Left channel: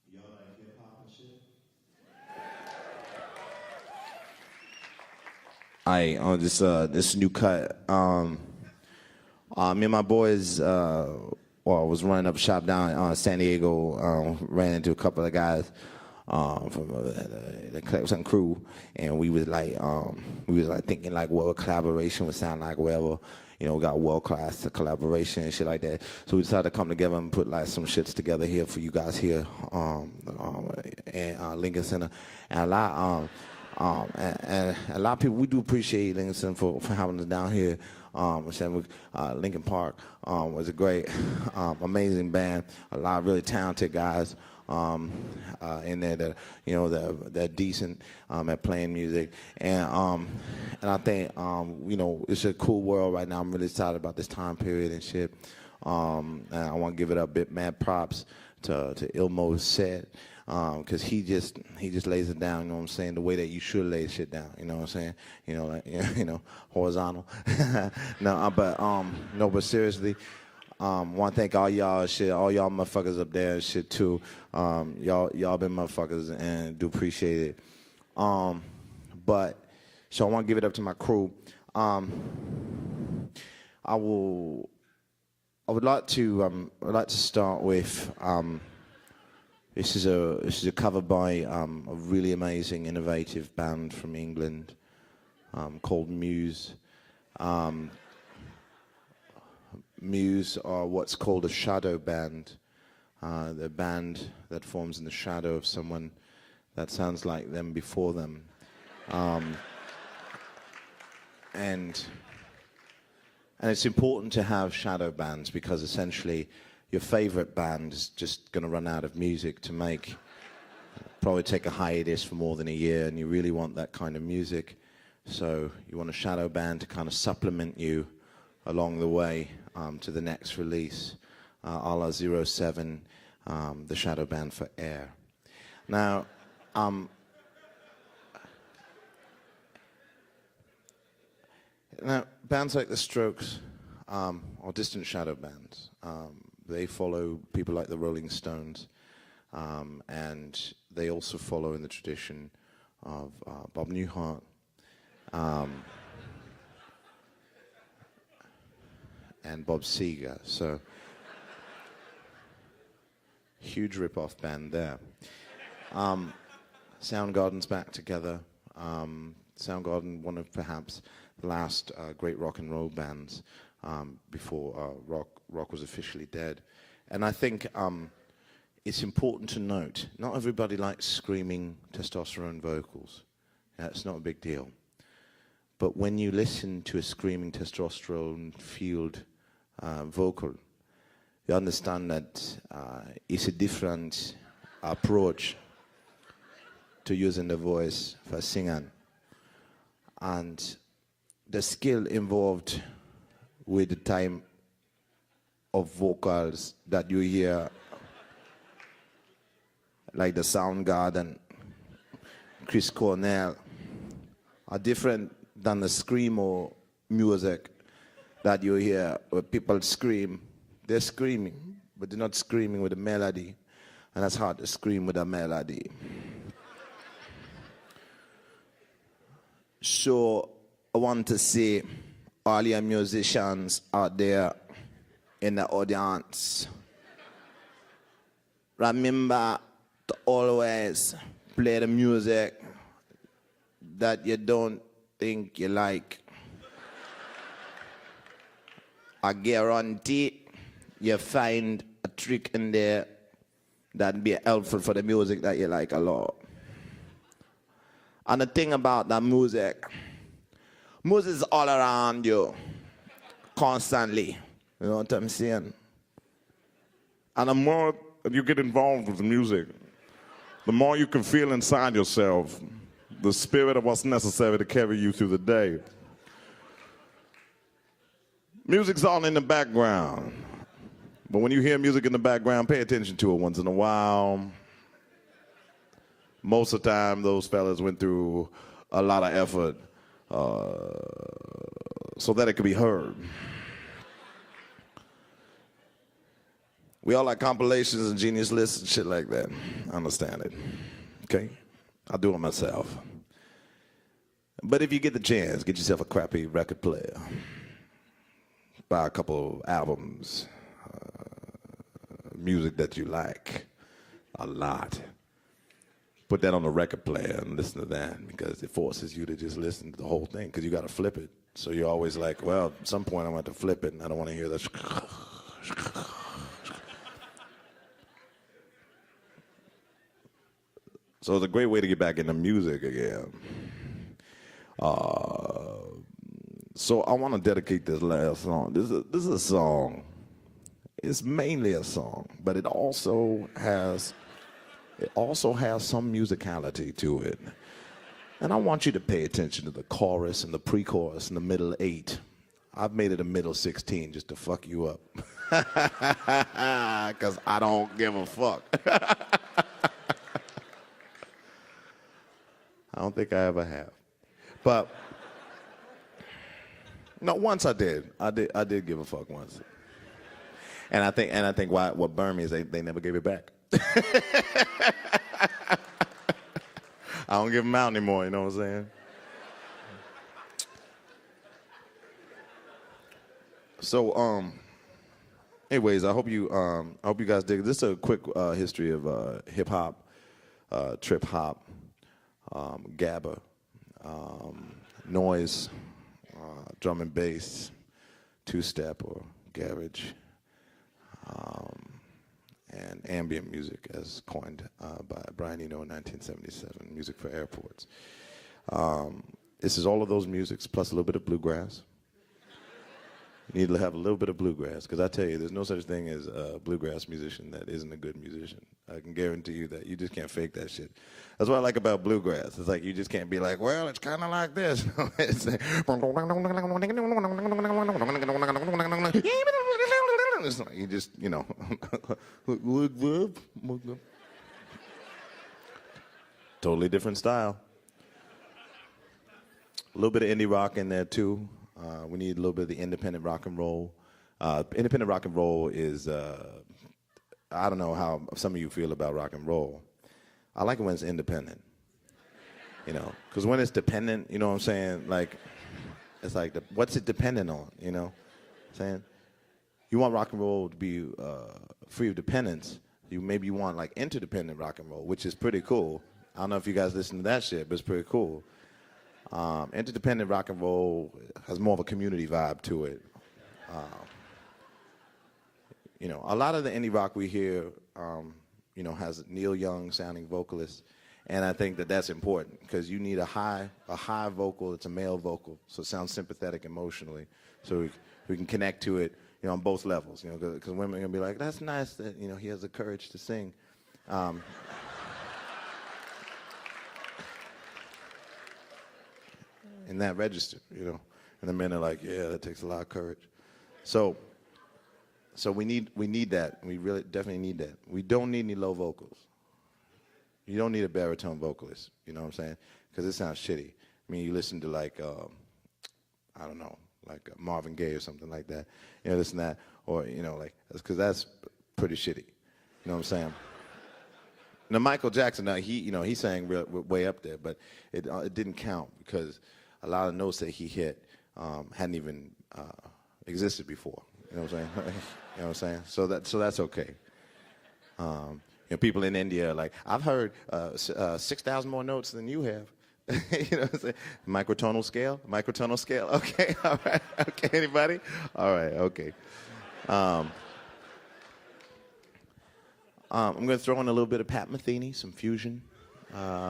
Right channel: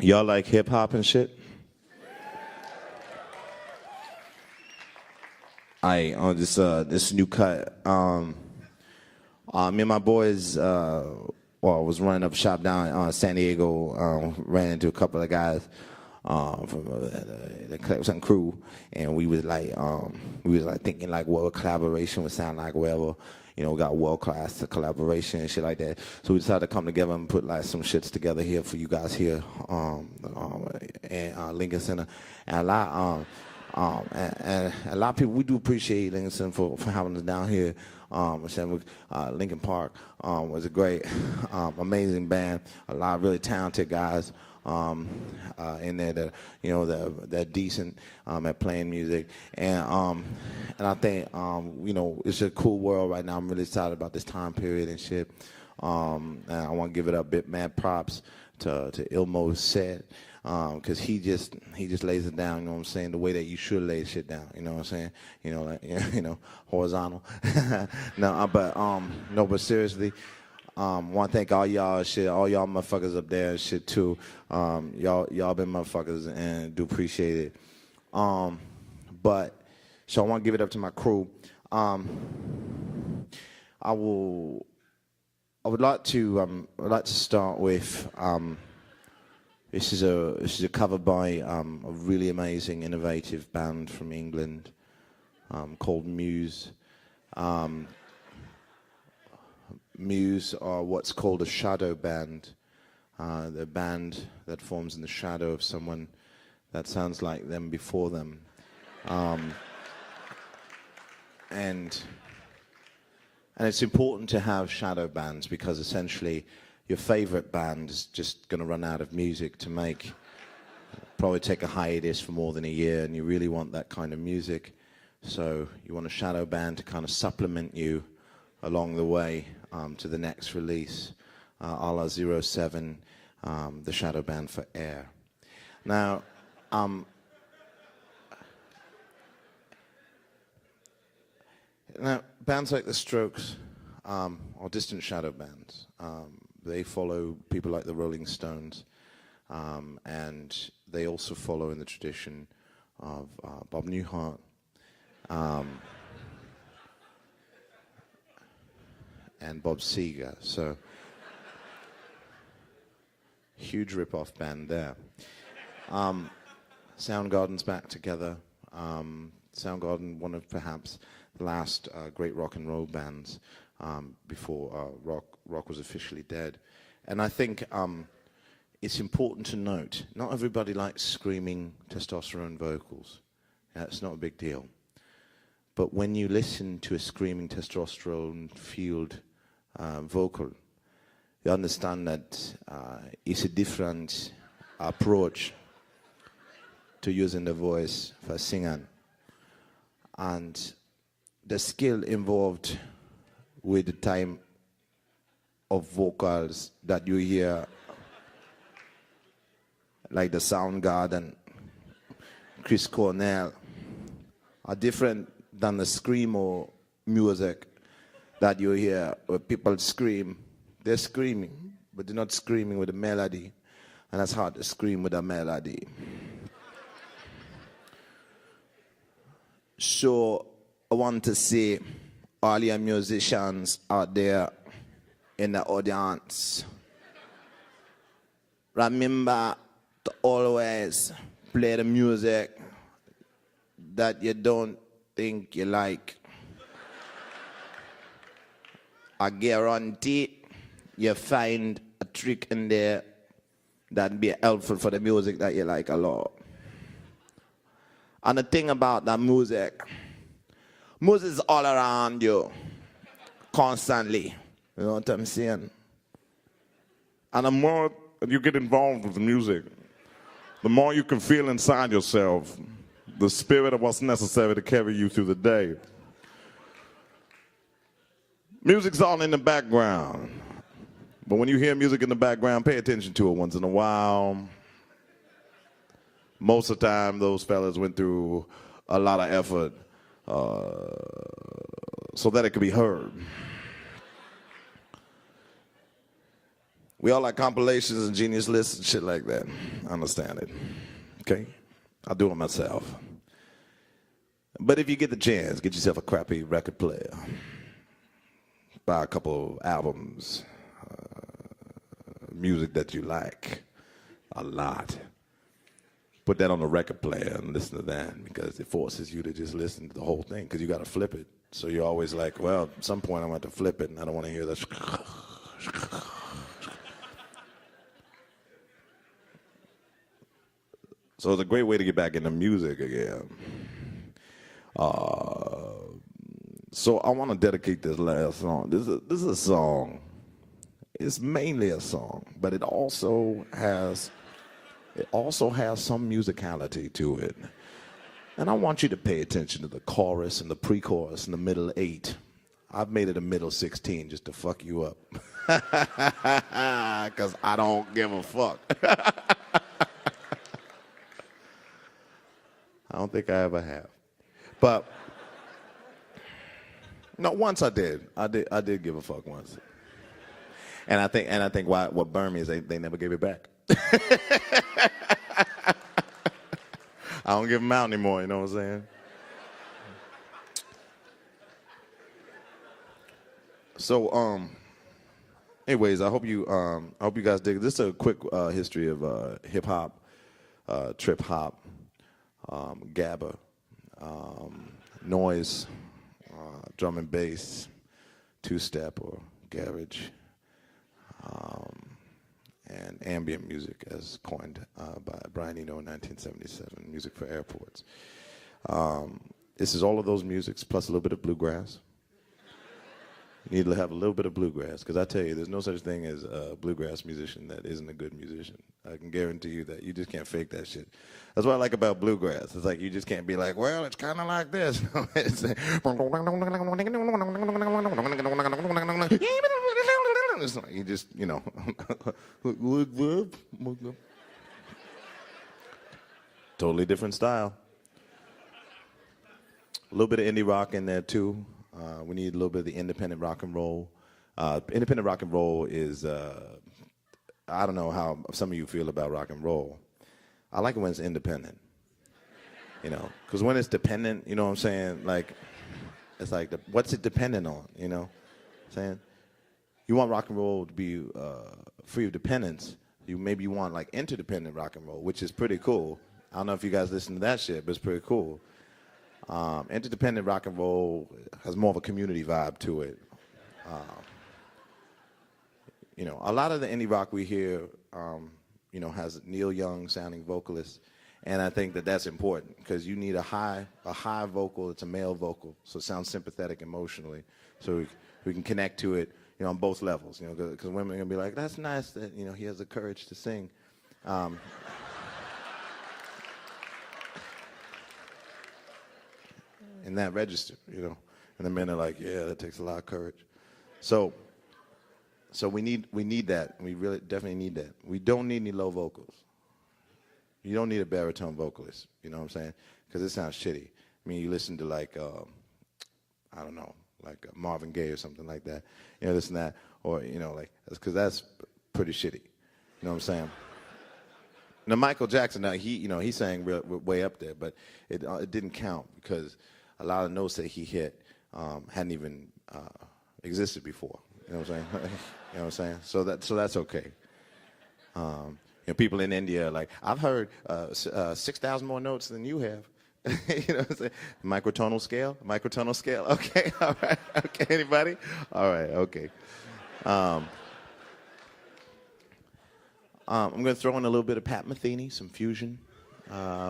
Y'all like hip hop and shit? I on this new cut. Me and my boys was running up shop down San Diego. Ran into a couple of guys from the Clemson crew, and we was like thinking like what collaboration would sound like, wherever. You know, got world class collaboration and shit like that. So we decided to come together and put like some shits together here for you guys here in Lincoln Center. And a lot of people, we do appreciate Lincoln Center for having us down here. Lincoln Park was a great, amazing band. A lot of really talented guys in there that they're decent at playing music, and I think it's a cool world right now. I'm really excited about this time period and shit. And I want to give it a bit mad props to Ilmo's set. Cause he just lays it down, you know what I'm saying, the way that you should lay shit down, you know what I'm saying, horizontal. But seriously, want to thank all y'all shit, all y'all motherfuckers up there and shit too. Y'all been motherfuckers and do appreciate it. So I want to give it up to my crew. I would like to start with. This is a cover by a really amazing, innovative band from England called Muse. Muse are what's called a shadow band. The band that forms in the shadow of someone that sounds like them before them. And it's important to have shadow bands because essentially your favorite band is just going to run out of music to make. Probably take a hiatus for more than a year, and you really want that kind of music. So you want a shadow band to kind of supplement you along the way to the next release, a la 07, the shadow band for Air. Now, bands like The Strokes are distant shadow bands. They follow people like the Rolling Stones, and they also follow in the tradition of Bob Newhart, and Bob Seger. So, huge rip-off band there. Soundgarden's back together. Soundgarden, one of perhaps the last great rock and roll bands before rock was officially dead. And I think it's important to note, not everybody likes screaming testosterone vocals. That's not a big deal. But when you listen to a screaming testosterone-fueled vocal, you understand that it's a different approach to using the voice for singing. And the skill involved with the time of vocals that you hear, like the Soundgarden, Chris Cornell, are different than the screamo music that you hear where people scream. They're screaming, but they're not screaming with a melody, and that's hard to scream with a melody. So I want to see all your musicians out there in the audience, remember to always play the music that you don't think you like. I guarantee you find a trick in there that'd be helpful for the music that you like a lot. And the thing about that music is all around you, constantly. You know what I'm saying? And the more you get involved with music, the more you can feel inside yourself the spirit of what's necessary to carry you through the day. Music's all in the background. But when you hear music in the background, pay attention to it once in a while. Most of the time, those fellas went through a lot of effort so that it could be heard. We all like compilations and genius lists and shit like that. I understand it. Okay? I'll do it myself. But if you get the chance, get yourself a crappy record player. Buy a couple albums, music that you like a lot. Put that on a record player and listen to that, because it forces you to just listen to the whole thing, because you got to flip it. So you're always like, well, at some point I'm going to flip it, and I don't want to hear this. So it's a great way to get back into music again. So I want to dedicate this last song. This is a song. It's mainly a song, but it also has some musicality to it. And I want you to pay attention to the chorus and the pre-chorus and the middle 8. I've made it a middle 16 just to fuck you up. Because I don't give a fuck. I don't think I ever have. But no, once I did. I did give a fuck once. And I think what burned me is they never gave it back. I don't give them out anymore, you know what I'm saying? So, anyways, I hope you guys dig. This is a quick history of hip hop, trip hop, gabba, noise, drum and bass, two-step or garage, and ambient music, as coined by Brian Eno in 1977, music for airports. This is all of those musics plus a little bit of bluegrass. You need to have a little bit of bluegrass, because I tell you, there's no such thing as a bluegrass musician that isn't a good musician. I can guarantee you that. You just can't fake that shit. That's what I like about bluegrass. It's like you just can't be like, well, it's kind of like this. It's like you just, you know. Totally different style. A little bit of indie rock in there, too. We need a little bit of the independent rock and roll. Independent rock and roll is, I don't know how some of you feel about rock and roll. I like when it's independent, you know, because when it's dependent, you know what I'm saying? Like, it's like, what's it dependent on, you know what I'm saying? You want rock and roll to be free of dependence. Maybe you want, like, interdependent rock and roll, which is pretty cool. I don't know if you guys listen to that shit, but it's pretty cool. Interdependent rock and roll has more of a community vibe to it. You know, a lot of the indie rock we hear, you know, has Neil Young sounding vocalists, and I think that that's important, because you need a high vocal. It's a male vocal, so it sounds sympathetic emotionally, so we can connect to it, you know, on both levels. You know, because women are gonna be like, that's nice that, you know, he has the courage to sing. In that register, you know, and the men are like, yeah, that takes a lot of courage. So we need that. We really definitely need that. We don't need any low vocals. You don't need a baritone vocalist. You know what I'm saying? Because it sounds shitty. I mean, you listen to like, I don't know, like Marvin Gaye or something like that. You know, this and that, or you know, like, because that's pretty shitty. You know what I'm saying? Now Michael Jackson, he sang way up there, but it didn't count because a lot of notes that he hit hadn't even existed before. You know what I'm saying? You know what I'm saying? So that's okay. You know, people in India are like, I've heard 6,000 more notes than you have. You know what I'm saying? Microtonal scale. Okay, all right. Okay, anybody? All right, okay. I'm going to throw in a little bit of Pat Metheny, some fusion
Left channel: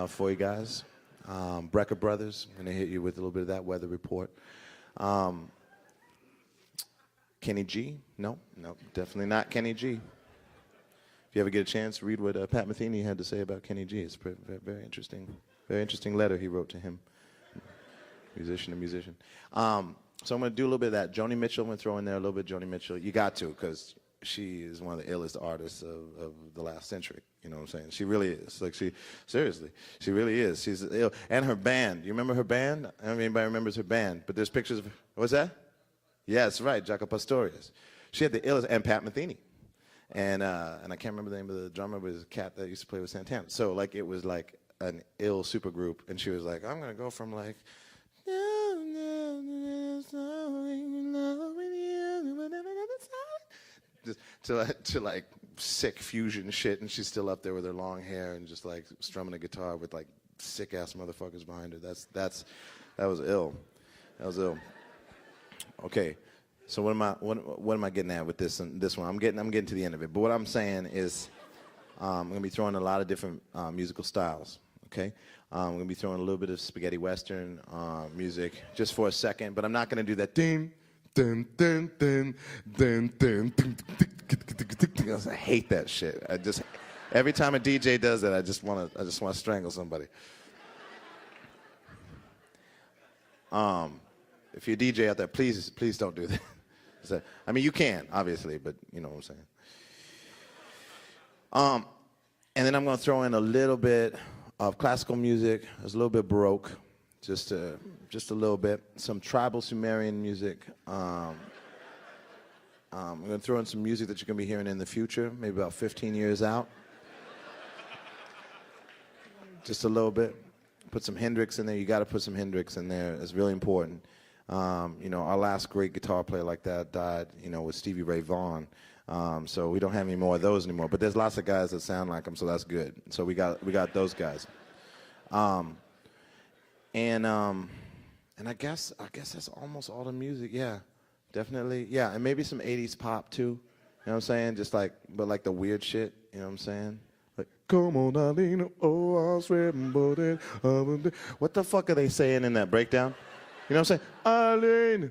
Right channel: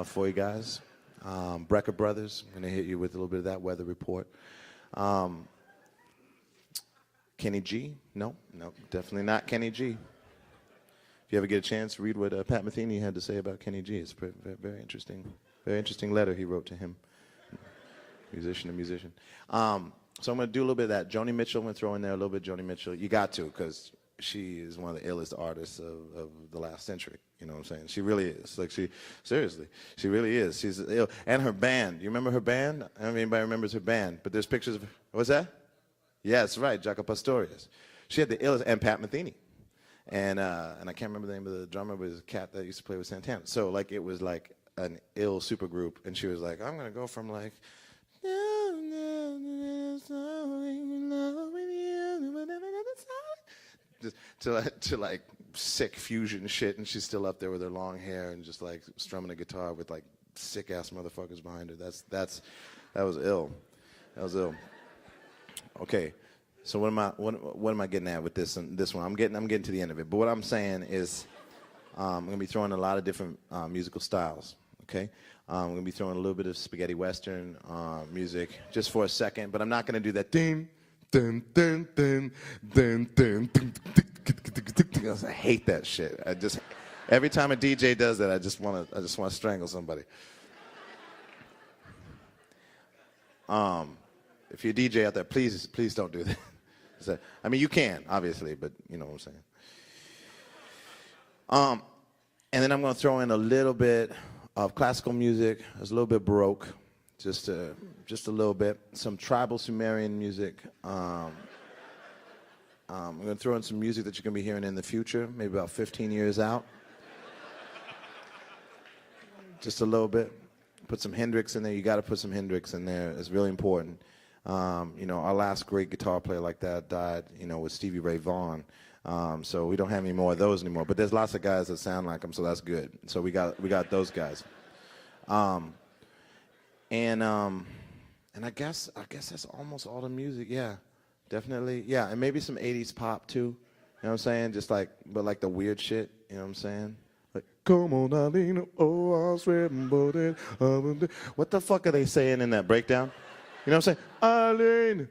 for you guys. Brecker Brothers, I'm going to hit you with a little bit of that weather report. Kenny G? No, definitely not Kenny G. If you ever get a chance, read what Pat Metheny had to say about Kenny G. It's very, very interesting. Very interesting letter he wrote to him. Musician to musician. So I'm going to do a little bit of that. Joni Mitchell, I'm going to throw in there a little bit of Joni Mitchell. You got to, because she is one of the illest artists of the last century. You know what I'm saying? She really is. Like seriously, she really is. She's ill. And her band. You remember her band? I don't know if anybody remembers her band, but there's pictures of, what's that? Yeah, that's right, Jaco Pastorius. She had the illest, and Pat Metheny. And I can't remember the name of the drummer, but it was a cat that used to play with Santana. So like it was like an ill super group, and she was like, I'm gonna go from like to like sick fusion shit, and she's still up there with her long hair and just like strumming a guitar with like sick ass motherfuckers behind her. That was ill. That was ill. Okay. So what am I getting at with this one? I'm getting to the end of it. But what I'm saying is I'm gonna be throwing a lot of different musical styles. Okay, I'm gonna be throwing a little bit of spaghetti western music just for a second, but I'm not gonna do that ding ding ding ding ding ding. I hate that shit. Every time a DJ does that, I just want to strangle somebody. If you're a DJ out there, please don't do that. I mean, you can, obviously, but you know what I'm saying. And then I'm going to throw in a little bit of classical music. It's a little bit Baroque, just a little bit. Some tribal Sumerian music. I'm going to throw in some music that you're going to be hearing in the future, maybe about 15 years out. Just a little bit. Put some Hendrix in there. You got to put some Hendrix in there. It's really important. Our last great guitar player like that died, was Stevie Ray Vaughan. So we don't have any more of those anymore. But there's lots of guys that sound like him, so that's good. So we got those guys. And I guess that's almost all the music. Yeah, definitely. Yeah, and maybe some 80s pop too. You know what I'm saying? But like the weird shit. You know what I'm saying? Like, come on, Nadine. Oh, I'm sweating, buddy. What the fuck are they saying in that breakdown? You know what I'm saying? Eileen,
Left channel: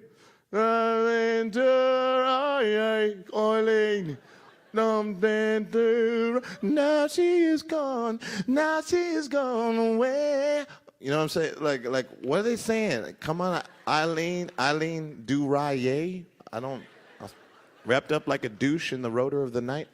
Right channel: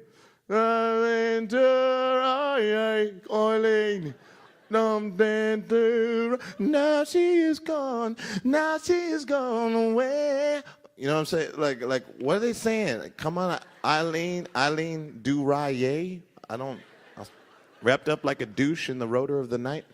now she is gone away. You know what I'm saying? Like, what are they saying? Like, come on, Eileen, do rye. Wrapped up like a douche in the rotor of the night.